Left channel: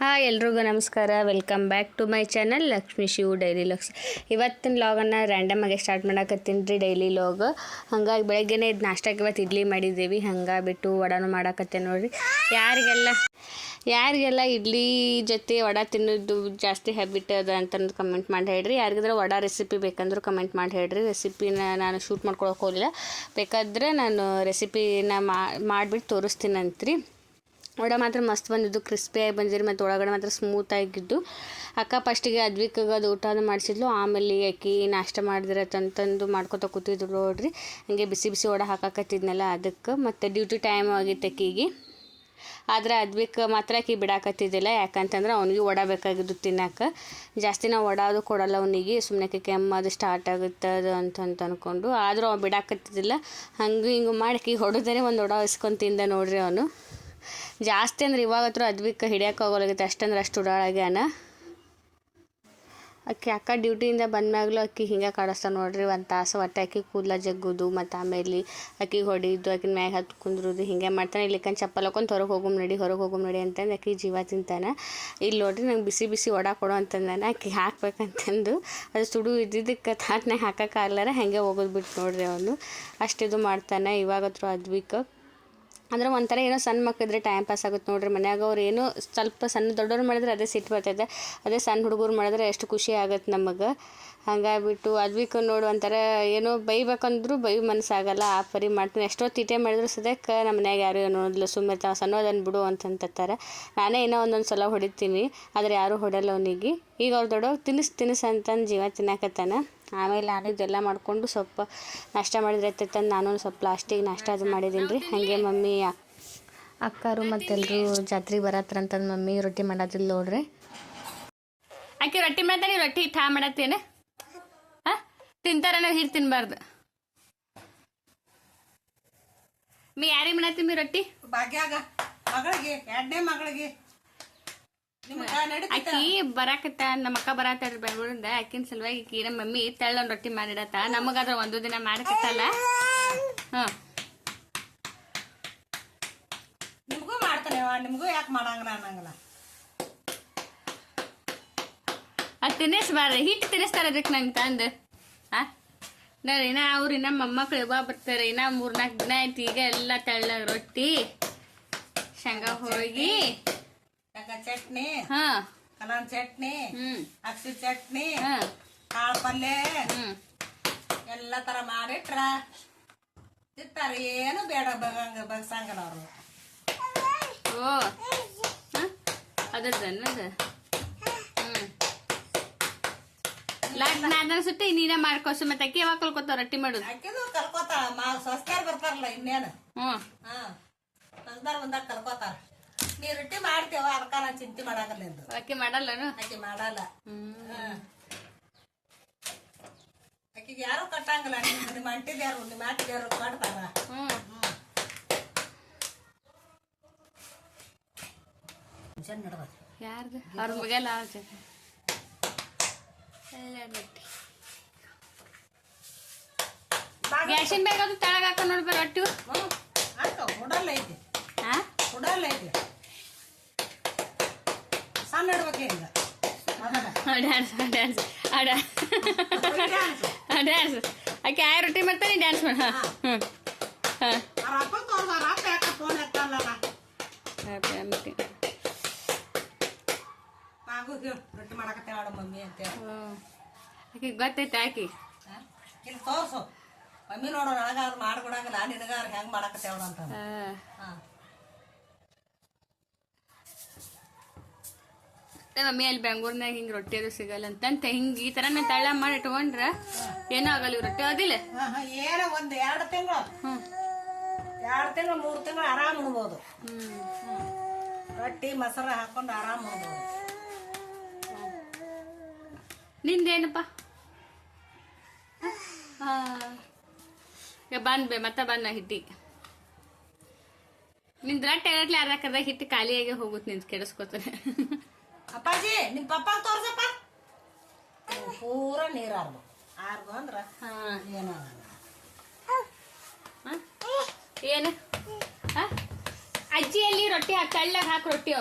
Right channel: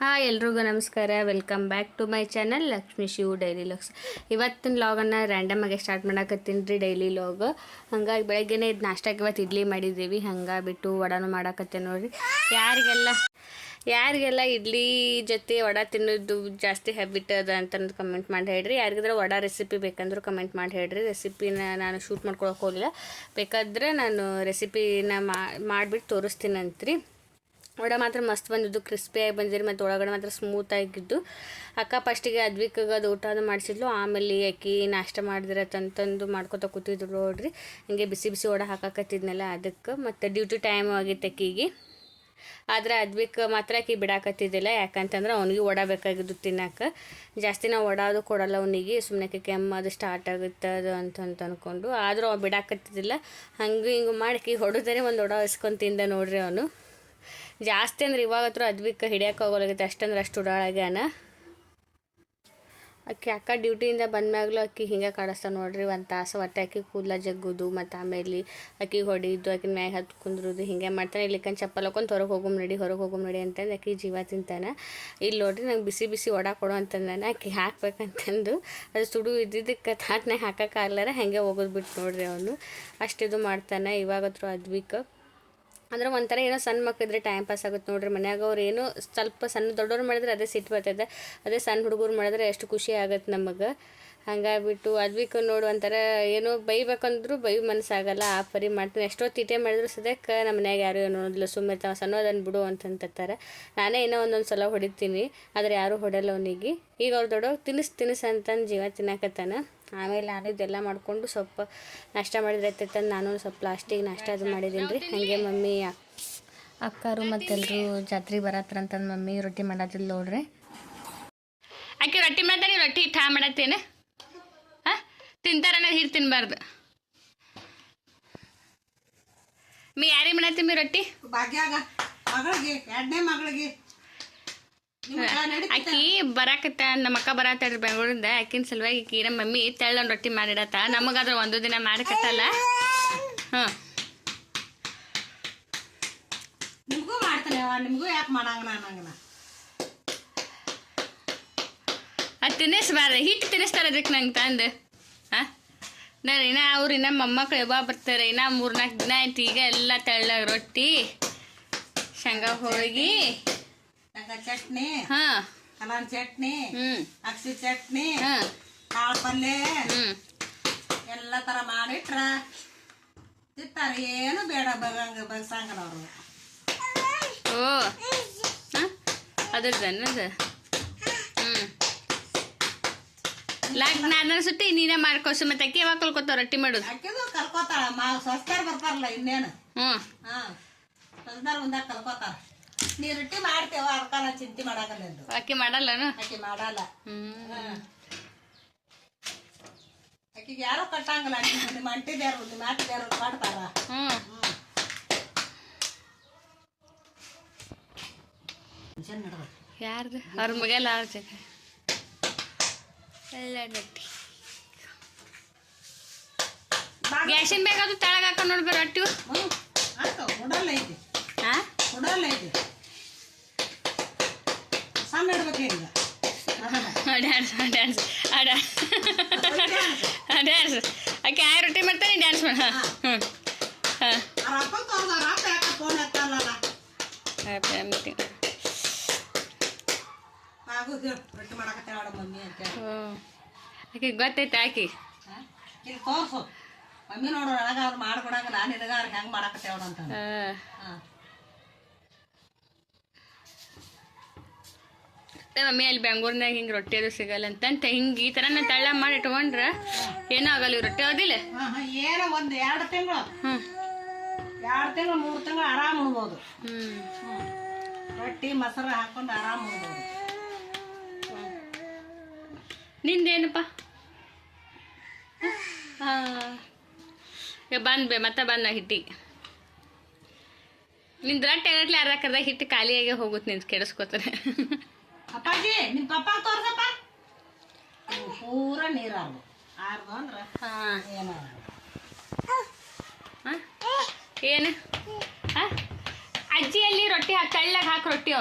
Hi ಎಲ್ರಿಗೂ ನಮಸ್ಕಾರ. Welcome back to my channel Lakshmi Shivu daily logs. ಇವತ್ತಿನ ಲಾಗನ್ನು ರ್ಯಾಂಡಮಾಗಿ ಸ್ಟಾರ್ಟ್ ಮಾಡಕತ್ತೀನಿ ರೀ. ಡೈಲಿ ಲಾಗ್ ಹಂಗಾಗಿ ಬೆಳಗ್ಗೆನೇ ಇದು ನಾಷ್ಟಕ್ಕೆ ಇವತ್ತು ಇಡ್ಲಿ ಮಾಡಿದ್ದೀವಿ. ಹಂಗೆ ಬಿಟ್ಟು ವಡಾನು ಮಾಡಾಕತ್ತೆ ನೋಡಿರಿ. ಯಾರಿಗೆಲ್ಲ ಇಡ್ಲಿ ಜೊತೆ ವಡ ತಿನ್ನೋದು ಜಾಸ್ತಿ ಹ್ಯಾಬಿಟ್ ಅದ ಅಂತಂದು ಕಮೆಂಟ್ ಮಾಡಿ ಹೇಳ್ರಿ. ಯಾರಿಗಾದ್ರೆ ವಡ ರೆಸಿಪಿ ಬೇಕಂದ್ರೆ ಕಮೆಂಟ್ ಮಾಡಿ ಹೇಳ್ರಿ. ರೆಸಿಪಿನ ನಾನು ಶೂಟ್ ಮಾಡ್ಕೊಳಕ್ಕೆ ಹೋಗಲಿಲ್ಲ, ಬೇಕಾದ್ರೆ ನಾನು ರೆಸಿಪಿನ ಮಾಡಿಬಿಟ್ಟು ತೋರಿಸ್ತೀನಂತ್ರಿ. ವಡ ಮಾತ್ರ ಮಸ್ತ್ ಬಂದಿದ್ದು, ಕ್ರಿಸ್ಪಿಯಾಗಿ ಬಂದಿರಿ ಮತ್ತು ಒಳಗಡೆ ಮಾತ್ರ ಸ್ಮೂತಾಗಿದ್ದು. ಅಕ್ಕ ಫಸ್ಟಿಗೆ ಅದ್ವಿಕಾಗ ಅದು ಊಟನೂ ಮಾಡಿಸಿದ್ಲು, ಆಮೇಲೆ ಆಕಿ ನಾಷ್ಟ ಮಾಡಿದ್ರೆ ತಂತಂದು ಮಾಡ್ಕೊತ ಕೂತಿದ್ರು ನೋಡ್ರಿ. ಹಂಗೆ ಬಿಸಿ ಬಿಸಿ ವಡ ಹಾಕಾಕತ್ತಿದ್ನಲ್ಲ ಅದಕ್ಕೆ. ಮತ್ತು ಡ್ಯೂಟಿ ಟೈಮ್ ಆಗಿತ್ತು ಅಕ್ಕಿಗೆ. ಆದರೆ ಅದ್ವಿಕ್ ಮಾತ್ರ ಆಕಿ ಬಿಡಾಕತ್ತಿದ್ದಿಲ್ಲ, ಯಾಕಂತಂದ್ರೆ ಅವನಿಗೆ ವಡ ಬೇಕಾಗಿದ್ದು ತಿನ್ನಕ್ಕೆ. ಜಾಸ್ತಿ ನಾವು ವಡ ಅದು ಕೊಡಲ್ಲ ಅವನಿಗೆ, ಸುಮ್ಮನೆ ಕೆಮ್ಮು ಅದು ಸ್ಟಾರ್ಟ್ ಆಗುತ್ತೆ ಅದು ಅಂತ ಅಂದ್ಕೊಂಡು. ಆದರೂ ಅವ್ನು ಬಿಡಾಕತ್ತಿದ್ದಿಲ್ಲ. ಹಂಗೆ ಹಿಂಗೆ ಮಾಡಿ ಹೊಡೆದರೆ ಒಂದು ವಡ ಇಸ್ಕೊಂಡು ತಿಂದ ನೋಡ್ರಿ ಅವನು. ಜಾಸ್ತಿ ಅಂದ್ರೆ ಇವಾಗ ಹತ್ರ ಅದ್ವಿಕ್ ಹಿಡಿಯೋಕೆ ಹೋಗೋಲಾಗೈತೆ, ಅಷ್ಟಂದ್ರೆ ಅಷ್ಟು ಉಡಾಳಾಗ್ಯಾನ. ಅಕ್ಕ ಡ್ಯೂಟಿಯಿಂದ ಬಂದಾಗಲೂ ಅಕ್ಕಿ ಹಿಂಗೆ ಕಾಡಿಸ್ತಾವೆ ನೋಡ್ರಿ. ಒಂದು ತಾಸು ಒಟ್ಟೆ ಅಕ್ಕಿ ಕೂದಲ ಜಗ್ಗೋದು, ಮತ್ತು ಆಮೇಲೆ ಅಕ್ಕಿಗೆ ಹೊಡಿಯೋದು, ಅಕ್ಕಿನ ಮ್ಯಾಗ ಹತ್ತು ಕುಂದ್ರೋದು ಹಿಂಗೆ ಮಾಡ್ತಾನೆ. ಇಲ್ಲಿಕಂದು ಚಪ್ಪಲ್ ಹಾಕೊಂಡು ಹೊರಗೆ ಹೋಗಮ್ ನಡಿ ಅಂತಂದು ಅಕ್ಕಿ ಜೀವ ತಿಂತಾನೆ. ಇಲ್ಲಿ ನೋಡ್ರಿ ನಂಗೆ ಬಿಸಿ ಬಿಸಿ ವಡ ಕೊಡು ಅಂತಂದಾನೆ. ಅಕ್ಕಿ ಹಾಕ್ಬೇಕಂತಂದು ಅದು ಸುಡು ಇದ್ದಿದ್ದಕ್ಕೆ ತಾಟ್ನಾಗ ಹಾಕೋಕ್ಕಾಗ್ಲಾರ ಹಾಗೆ ಹೋಗೋದು ಬಿಟ್ಟು ನೋಡ್ರಿ ಅವನು. ಅಷ್ಟಿದು ಮಾಡ್ತಾನೆ ಇವಾಗ ಹತ್ರ ಅದ್ವಿಕ್. ಅಂದ್ರೆ ಒಂಥರ ಏನೋ ಸಣ್ಣ ಮಕ್ಕಳಿದ್ರೆ ಟೈಮ್ ಪಾಸ್ ಆಗುತ್ತೆ ನೋಡ್ರಿ. ಮನ್ಯಾಗ ಅವ್ರು ಏನೋ ಸ್ವಲ್ಪ ಸಣ್ಣ ದೊಡ್ಡವ್ರು ಮಾಡಿದ್ರೆ ಅದೇ ಸಿಟ್ಟು ಬರ್ತದೆ, ಅದೇ ಸಣ್ಣ ಹುಡುಗರು ಮಾಡಿದ್ರೆ ಎಷ್ಟು ಖುಷಿ ಆಗುತ್ತೆ ನಮಗೆ. ಹಂಗಾಗ್ಬಿಟ್ಟು ಅದ್ವಿಕ್ ನೋಡು ಒಂಥರ ಏನೋ ಬೈಬೇಕಂದ್ರೂ ಮನಸ್ಸಾಗಲ್ಲ, ಆ ಪರಿ ಮಾಡ್ತೀನಿ. ಎಷ್ಟೋ ತೀಟೆ ಮಾಡಿದ್ರು ಸದ್ಯಕ್ಕೆ ನಮ್ಮ ಮನ್ಯಾಗ ಯಾರು ಏನೋ ಸುಮ್ಮನೆ ಸಣ್ಣದನ್ನು ಬಿಡು ಅಂತಂತಾರೆ. ನಾನೇ ಏನೋ ಒಂದೊಂದು ಸಲ ಹೊಡಿತೀನಿ, ಆದರೆ ಯಾರೂ ಹೊಡೆಯಲ್ಲ ಅವನಿಗೆ. ಈಗ ಅವ್ರು ದೊಡ್ಡವ್ರು ತಿನಿಸ್ ಅಂತಂದು ಜೀವ ತಿನ್ನಕತ್ತಾನ. ಆಮೇಲೆ ನಾನು ಇದೆಲ್ಲ ಮಾಡಿಕೊಂಡು ಸ್ವಲ್ಪ ನಾಷ್ಟ ಮಾಡಿದ್ರೆ ಆಯ್ತಂದು ನಾನು ಸ್ವಲ್ಪ ಲಾಸ್ಟಿಗೆ ನಾಷ್ಟ ಅದು ಮಾಡಿದ್ದೀನಿ ರೀ. ಹಾಗೆ ಮಮ್ಮಿ ಅಕ್ಕರು ಮತ್ತೆಲ್ಲರೂ ಜಾತ್ರೆಗೆ ಬರತ್ರ ಅಂತಂದು ಮಮ್ಮಿ ರೊಟ್ಟಿ ಮಾಡೋದಿಲ್ಲ ನೋಡ್ರಿ. ಆಕೆ ರೊಟ್ಟಿ ಮಾಡ್ತಾನೆ, ರೊಟ್ಟಿ ಠಾ ಮಾಡತ್ತೇನೆ. ಹಾಂ ತಿಂತಾರನ್ನ ಹಿಟ್ಟು ತಿನ್ನಬಾರ್ದು. ಯಾರಿಗೆ ಮಾಡತ್ತೀನಿ ರೊಟ್ಟಿ? ಭಾಗ್ಯಾಗ ಮಗಳಿಗೆ, ಎರಡನೇ ಮಗಳಿಗೆ. ಆಕಿ ಬರಾಕತ್ತ, ನಮ್ಮ ಅಕ್ಕ ಬರತ್ತಾಳ್ರಿ ಬೆಂಗಳೂರಿಂದ. ಆಕಿನ ಸಲುವಾಗಿ ಆಕಿ ನಮ್ಮ ಮಮ್ಮಿ ತೆಳ್ಳೊಂದು ರೊಟ್ಟಿ ಮಾಡಿಡತ್ತ. ನಮಗಾದ್ರೆ ಒಂದು ದಿನ ಮಾಡಕತ್ತಲ್ಲ. ಹಾಂ ನಿಮಗೂ ಮಾಡ್ತಾನೆ, ನಿಮಗೂ ಯಾಕೆ ಮಾಡಂಗನ ಅನ್ನಂಗನ. ಅದು ತಿನ್ನಿಸ್ಬಾರ್ದು, ಹಿಟ್ಟು ತಿನ್ನಿಸ್ತಾರೆ ಅದಕ್ಕೆ ನಂಗೆ ತಂದು. ಹಾಂ ಇನ್ನ ಅವ್ರು ಇನ್ನ ಮೊಮ್ಮಕ್ಳು ಯಾವಾಗ ಬರ್ತಾರೆ? ಇನ್ನ 3-4 ದಿನ ಆಯ್ತು. ಈಗ ಎಲ್ಲ ತೆಳ್ಳಗೆ ರೊಟ್ಟಿ, ಶೇಂಗಾ ಹೋಳಿಗೆ, ಚಟ್ನಿ, ಕಲನ್ ಚಟ್ನಿ, ಅಕ್ಸಿ ಚಟ್ನಿ, ಕಾಳು ಪಲ್ಯ ಎಲ್ಲ ತರ ಮಾಡಿಟ್ರ ತಿಂತಾರ. ಏನು ಬೇಡ ಬಗ್ಸಂಗಲ್ಲ ಅವ್ರು. ಓ ಅದ್ರದ್ದು ನಾನು ಸುತ್ತಿ ನೀನೇ ಮಾಡ್ಕೋಸು. ಮತ್ತೆ ಅಕ್ಕಿ ಯಾವಾಗ ಕಲ್ಕೋತಾವ ರೊಟ್ಟಿ ಮಾಡೋದು? ಅಕ್ಕಿದು ಕಲ್ಕೋತಾಳ, ಸಸ್ತಾರ ಬರ್ತಾರಲ್ಲ ಇನ್ನೇನು. ಸಸ್ತಾರ ಬಂದಾಗ ಕಲ್ಕೋತಾರ. ನೀ ರೊಟ್ಟಿ ಮಾಡ್ತೇವ, ಅದಕ್ಕ ನಾನು ಚಿಂತೆ ಮಾಡಾಕಲ್ಲ. ಅಕ್ಕಿ ಮಾಡಲ್ಲನು? ಅಕ್ಕಿ ಮಾಡಲ್ಲ. ಅಕ್ಕಿಗೆ ಯಾರು ಕಟ್ಟಂಗಿಲ್ಲ. ನಿಮ್ಮ ಅಂಟಿದ್ಯಾರು ನಿಮ್ಮ ಮಾಟಿದ್ಯಾರು ಮಾಡ್ತಾರ. ಯಾರ್ದು? ಅವ್ರ ಮಗೆಲ್ಲ ಎಲ್ಲ ರೊಟ್ಟಿ ಗ್ಯಾಸಿನ ಬೇಗ ಅದು ತೆಳಗ ಹಾಕೊಂಡು ನೋಡ್ಬಾರ ರೊಟ್ಟಿ. ಉಡಲ್ಲ ಐತಿ. ಉಡಲ್ಲ ಐತಿ. ಸಣ್ಣ ಇಡ್ಬೇಕು ಈಗ. ಡ್ಯಾನ್ಸ್ ಆಕೆ ಆ ರೊಟ್ಟಿ ಮಾಡ್ತಾನೆ, ಡ್ಯಾನ್ಸ್ ಮಾಡ. ಆಕೆ ಗೊತ್ತೈತೆ ಆಕಿ ಇಲ್ಲಿ ತೋರ್ಸು ಮಮ್ಮಿ ನೋಡು, ನನಗ ಅವ್ರು ಮಾಡ್ಕೊಡಂಗಿಲ್ಲ, ನಿನಗ ಅವ್ರು ಹೆಂಗೆ ಮಾಡಾಕತ್ತೇವ್ರ ಅಂತ. ಮಮ್ಮಿ ಅಲ್ಲಿ ಬೆಂಗಳೂರಿನಾಗ ಹಿಂಗೆ ರೊಟ್ಟಿ ಅದು ಸಿಗಲ್ಲ ಅಂತ ಹಿಂಗೆ ಈ ಥರ ತಳ್ಳ ಮಾಡಿ ಇಟ್ಕೊಂಡ್ರೆ ಏನೂ ಆಗಲ್ಲ. ಇವ್ ರೊಟ್ಟಿ ಆಗೋದಿಲ್ಲ. ಏನೋ ಒಂದು 2 ತಿಂಗಳು 2 ತಿಂಗಳು 3 ತಿಂಗಳು ಆರಾಮ್ ಉಣ್ಬೋದು. ರೊಟ್ಟಿ ಮೊಸರು ಹಾಕೊಂಡು ಆರಾಮ್ ಉಣ್ಬೋದು. ನಿಂದೇನಪ್ಪ? ಈಗ ಮತ್ತೆ ಬಂದ ಹಿಟ್ಟಿಗೆ. ನಿಂದು ರೊಟ್ಟಿ ಆಗಟ್ಲೆ ಅರ್ಧಕ್ಕರ್ಧ ಹಿಟ್ಟು ಖಾಲಿಯಾಗೆ ಹೋಗುತ್ತೆ. ನಿಂದು ಕೆಡಿಸ್ಕೋತಾರೆ. ಅಪ್ಪಾಜಿ ನಿಮ್ಮ ಪಪ್ಪ ತೋರ್ಸಪ್ಪ. ಪೂರ ನೀರು ಆರ್ದು ಅಂದ್ರೆ ಏನು ಅಜ್ಜಿಯಲ್ಲಿ ರೊಟ್ಟಿ ತೆಳ್ಳಗೆ ಹಾಕಿ ರೊಟ್ಟಿ.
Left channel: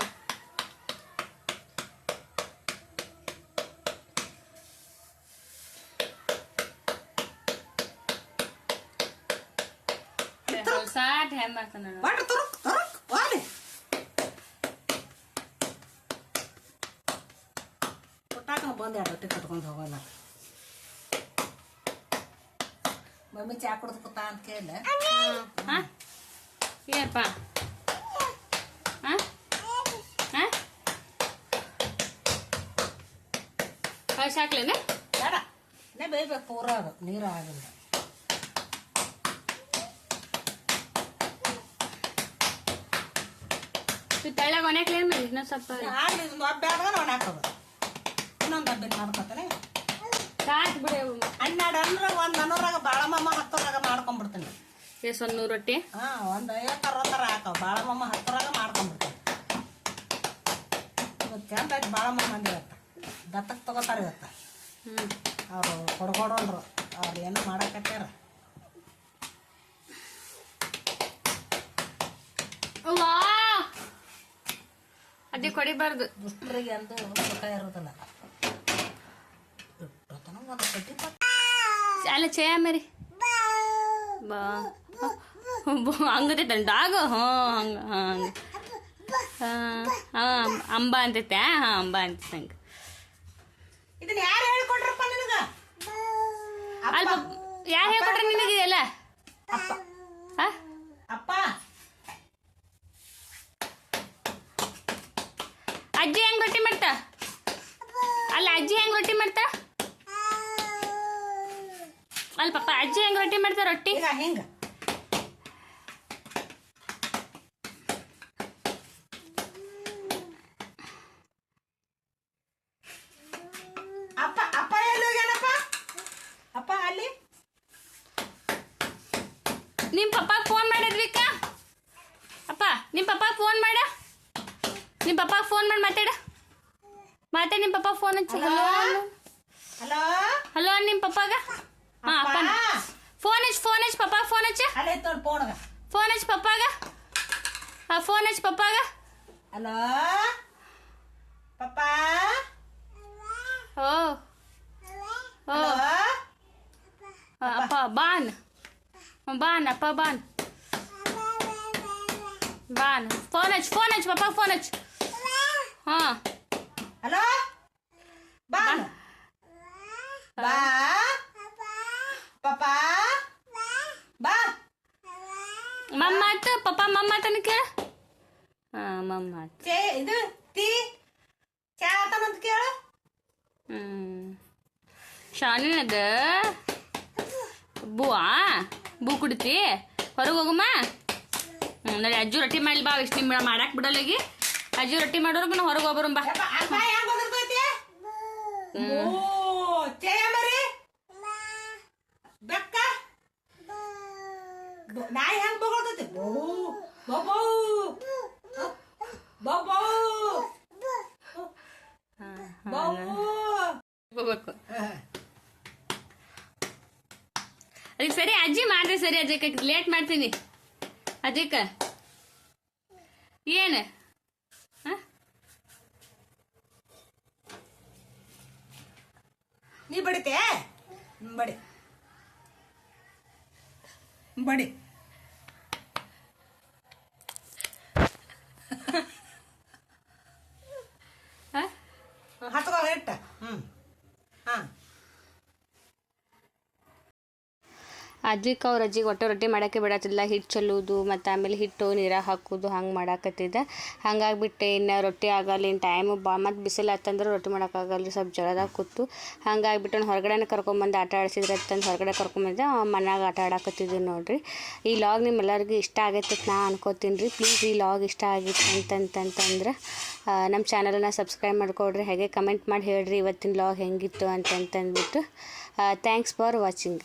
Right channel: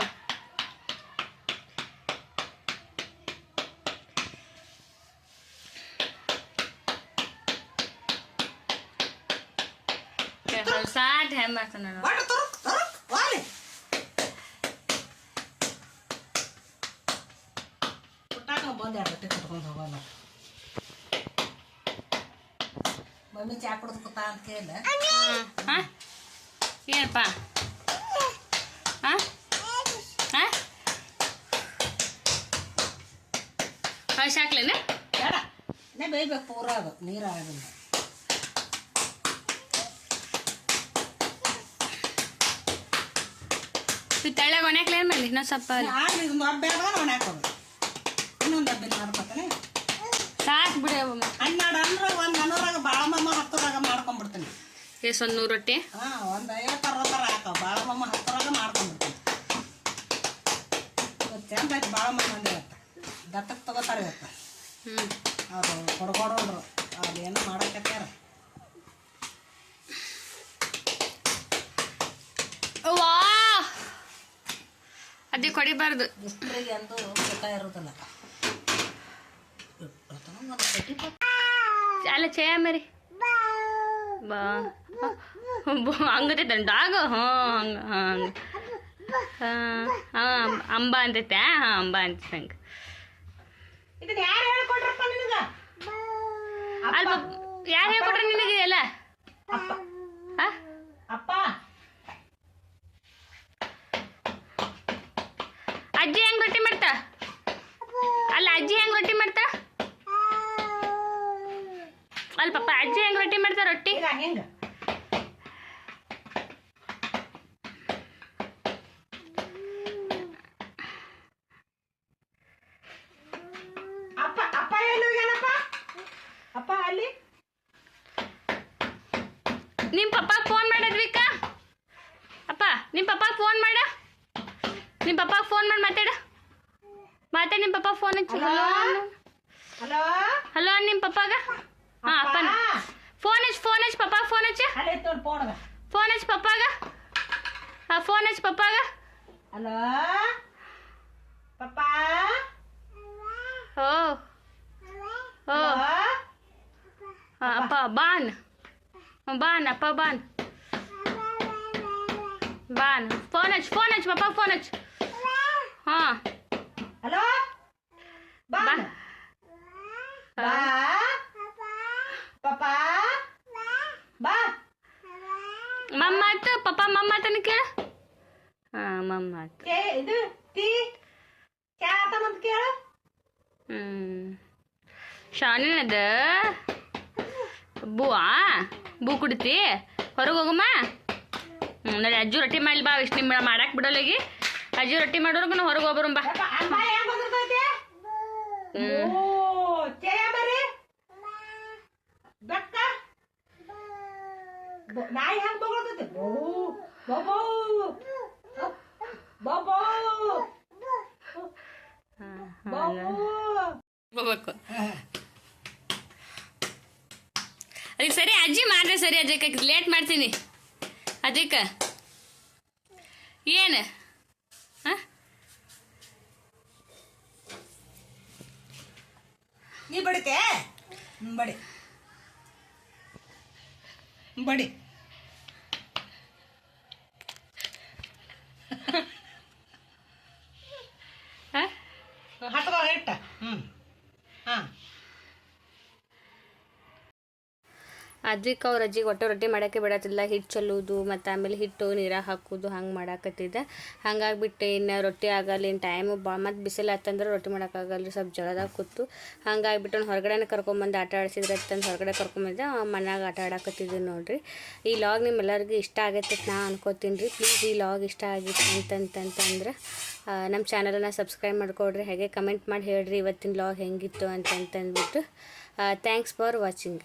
ಆಟ ಹೆಂಗೆ ಮಾಡ್ತಾನೆ ನೋಡು ಬಾಟ ತರು ವಾಲಿ ಪುಟ್ಟಾಕ ಬಂದು ರೊಟ್ಟಿ ಕಟ್ಕೊಂಡು ಹೋಗಲ್ಲ ಮಮ್ಮಿ ಚಾ ಕುಡ್ದು ಕೂತ ಅಂತ ಕೇಳಿಲ್ಲ ಹಾಂ ಏನಪ್ಪ ಹಾಂ ಹಾಂ ಕಳ್ಸಿ ಹಾಕ್ಲೇನೆ ಬೇಡ ಬೇಯ್ಬೇಕು ಪೂರ ಅದು ನೀರು ಆಗಿಲ್ಲ ತೆಳ್ಳಗೆ ಒಣಕ್ಲೇನು ಮಾಡಿ ಇನ್ನೊಂದು ಸ್ವಲ್ಪ ಆಗಲಿ ಇದೊಂದು ಹಬ್ಬ ಆದಾಗ ಒಣ ಹಾಕೋದು ಇನ್ನೊಂದು ಹಬ್ಬ ಮಾಡ್ಕೊತಾನೆ ಸಾಕು ಬಿಡಿ ಹನ್ನೆರಡು ಅಂದ್ರೆ ಒಂದು ನನ್ನೂರಾಗ ಬಾಳಮಮ್ಮ 10ರಾಗ ಮಾಡ್ಕೊಂಡ್ಬಿಡ್ತೀನಿ ಎಷ್ಟು ಒಂದು 100 ರೊಟ್ಟಿ ಹಾಂ ಒಂದು 50-60 ಹಾಕವು ಬಾಳಮಮ್ಮ 10ರಾಗ ಮಾಡ್ಕೊಂಡ್ಬಿಡ್ತೀನಿ ಇವತ್ತು ಚಂದ ಆಯ್ತು ಬಾಳಮಮ್ಮ ಅಂದ್ರೆ ಇವತ್ತು ದತ್ತಕ್ಕೆ ತಗೋತಾರೆ ಇವತ್ತು ಅವರು ಕೊಡ್ಕೊಡೋರು ಅವ್ರು ಏನೋ ಮಾಡಕತ್ಯಾರ ವಾ ಅದೇ ಕೊಡಿಬಾರ್ದು ದುಷ್ಟರಿಗೆ ಅಂದು ಸುಖ ಇರೋದಿಲ್ಲ ಅಲ್ಲ ಚೇಯ ಮರಿ ಬಾ ಹಂಗತೆ ದಂಡಾಗ ಹಂಗೆ ಹಂಗೆ ಹಾಂ ಅಂಬ ಅಂತೈತೆ ಹಾಂ ಅಂಬ ಅಂತೈತೆ ಹಂಗೆ ಇದನ್ನ ಯಾರು ಹೇಳ್ಕೊಟ್ರಪ್ಪ ನಿನಗ ಅಲ್ಪ ಯಾರು ಹೇಳ್ಕೊಟ್ರೆ ನಿನಗೆ ಎಲ್ಲ ಅಪ್ಪ ಹಾಂ ಅಪ್ಪ ಅಜ್ಜಿ ಹೆಂಗೆ ರೊಟ್ಟಿ ಮಾಡ್ತಾ ಅಲ್ಲ ಅಜ್ಜಿ ಹೆಂಗೆ ರೊಟ್ಟಿ ಮಾಡ್ತಾ ಅಲ್ಲ ಪಪ್ಪ ಅಜ್ಜಿ ಹೆಂಗೆ ರೊಟ್ಟಿ ಮಾಡ್ತಾ ರೊಟ್ಟಿ ಈಗ ಹಿಂಗ ಅಪ್ಪ ಅಪ್ಪ ಎಲ್ಲಿ ಹೋಗ್ಯಾನಪ್ಪ ಅಪ್ಪ ಅಲ್ಲಿ ನಿಮ್ಮ ಪಪ್ಪ ಫೋನ್ ಮಾಡಿದ್ವಿಕ ಅಪ್ಪ ನಿಮ್ಮ ಪಪ್ಪ ಫೋನ್ ಮಾಡ ನಿಮ್ಮ ಪಪ್ಪ ಫೋನ್ ಮಾಡಿ ಮಾತಾಡ ನಿಮ್ಮ ಪಪ್ಪ ಫೋನ್ ಹಚ್ಚಿ ಹಲೋ ಹಲೋ ಹಲೋ ನಿಮ್ಮ ಪಪ್ಪಾಗ ಹಾಂ ಅಪ್ಪ ಫೋನ್ ಹಚ್ಚಿ ಪಪ್ಪ ಫೋನ್ ಹಚ್ಚ ಅಲ್ಲಿ ನೋಡಿ ಫೋನ್ಗ ಫೋನ್ ಹಚ್ಚಿ ಪಪ್ಪಾಗ ಹಾಂ ಫೋನ್ ಹಚ್ಚಿ ಪಪ್ಪಾಗ ಹಲೋ ಪಪ್ಪ ಓ ಓ ಅಪ್ಪ ಬಾನ್ ಅಪ್ಪ ಬಾನ್ ಫೋನ್ ಹಚ್ಚಿ ಪಪ್ಪ ಫೋನ್ ಹಚ್ಚಿ ಹಾಂ ಹಲೋ ಬಾ ಬಾ ಪಪ್ಪ ಬಾ ಮಮ್ಮ ಆಯ್ತು ಪಪ್ಪ ಮಮ್ಮ ಆತನ ಕೇಳ ಹಾಂ ಮಮ್ಮ ಆಯ್ತು ಚೇ ಇದು ಟೀ ಚಾ ಆತನಂತ ಕೇಳು ಶಾನಿನದ ಬೂ ಕುಡಿತಿ ಹೊರಗೆ ಹೋಗಮ್ಮ ನೋಡಿ ಅಜ್ಜು ರೊಟ್ಟಿ ಮಾಡಲಿ ಬಾ ಇಷ್ಟು ನಿಮ್ಮ ಮಾಡಕ್ಕೆ ಬಿಡೋಲ್ಲಗಿ ಅಜ್ಜು ರೊಟ್ಟಿ ಮಾಡೋರ್ಗು ನಾವು ಹೊರಗೆ ಹೋಗ್ಬರೋಣ ಬಾ ಅಮ್ಮ ಹೆಂಗ್ ಬಂದಿರ್ತೈತಿ ಓ ಚೇ ಮರಿ ಬೆಕ್ಕ ನಾಯಿ ಹೆಂಗ್ ಬಗೊಳ್ತೈತಿ ಬಾಬು ಬಾಬು ಬಾಬು ಹೋಗ್ಬೇಕು ಅದಕ್ಕೆ ಸರಿ ಅಜ್ಜಿ ಮಾಡಿದ್ರೆ ಸರಿ ಅಜ್ಜಕ್ಕೆ ಲೇಟ್ ಮಾಡ್ತೀನಿ ಅದಕ್ಕೆ ಏನು ಹಾಂ ನೀ ಬಡಿತೆ ಬಡಿ ಬಡಿ ಹಾಂ ಹತ್ಕೋ ಇಟ್ಟ ಹಾಂ ಅದಕ್ಕೆ ಅವ್ರ ಅಜ್ಜಿಗೆ ಒಟ್ಟು ರೊಟ್ಟಿ ಮಾಡೋಕ್ಕೆ ಬಿಡತ್ತಿಲ್ಲ ಹಿಟ್ಟು ಚೆಲ್ಲೋದು ಮತ್ತು ಆಮೇಲೆ ಹಿಟ್ಟು ನೀರಾಗ ಹಾಕೋದು ಹಂಗೆ ಮಾಡಾಕತ್ತಿದ್ದೆ ಹಂಗಾಗಿಬಿಟ್ಟೆ ಇನ್ನು ರೊಟ್ಟಿ ಆಗಲ್ಲ ಇನ್ನು ಟೈಮು ಮತ್ತು ಬಿಸಿಲು ಹತ್ತಂದ್ರೆ ರೊಟ್ಟಿ ಮಾಡೋಕ್ಕಾಗಲ್ಲ ಸ್ವಲ್ಪ ಜಳದಾಗ ಕೂತು ಹಂಗಾಗಿಬಿಟ್ಟು ಹೊರಗಡೆನೇ ಕರ್ಕೊಂಬಂದು ಆಟ ಆಡಿಸಿದ್ರೆ ಅಂತಂದು ಹೊರಗಡೆ ಕರ್ಕೊಂಬಂದೆ ಮನ್ಯಾಗ ಆಟ ಆಡಾಕತ್ತಿದ್ವಿ ನೋಡಿರಿ ಈ ಲಾಗ್ ನಿಮ್ಮೆಲ್ಲರಿಗೂ ಇಷ್ಟ ಆಗೈತೆ ನಾ ಅನ್ಕೋತೀನಿ ರೀ ಪ್ಲೀಸ್ ಈ ಲಾಗ್ ಇಷ್ಟ ಆಗಿತ್ತು ಅಂತಂತಂದ್ರೆ ನಮ್ಮ ಚಾನಲನ್ನು ಸಬ್ಸ್ಕ್ರೈಬ್ ಮಾಡ್ಕೊಡ್ರಿ ಹಾಗೆ ಕಮೆಂಟ್ ಮಾಡಿ ಹೇಳ್ರಿ ಇವತ್ತಿನ ಲಾಗ್ ಹೆಂಗಿತ್ತು ಅಂತಂತಂದ್ಬಿಟ್ಟು ಥ್ಯಾಂಕ್ಸ್ ಫಾರ್ ವಾಚಿಂಗ್.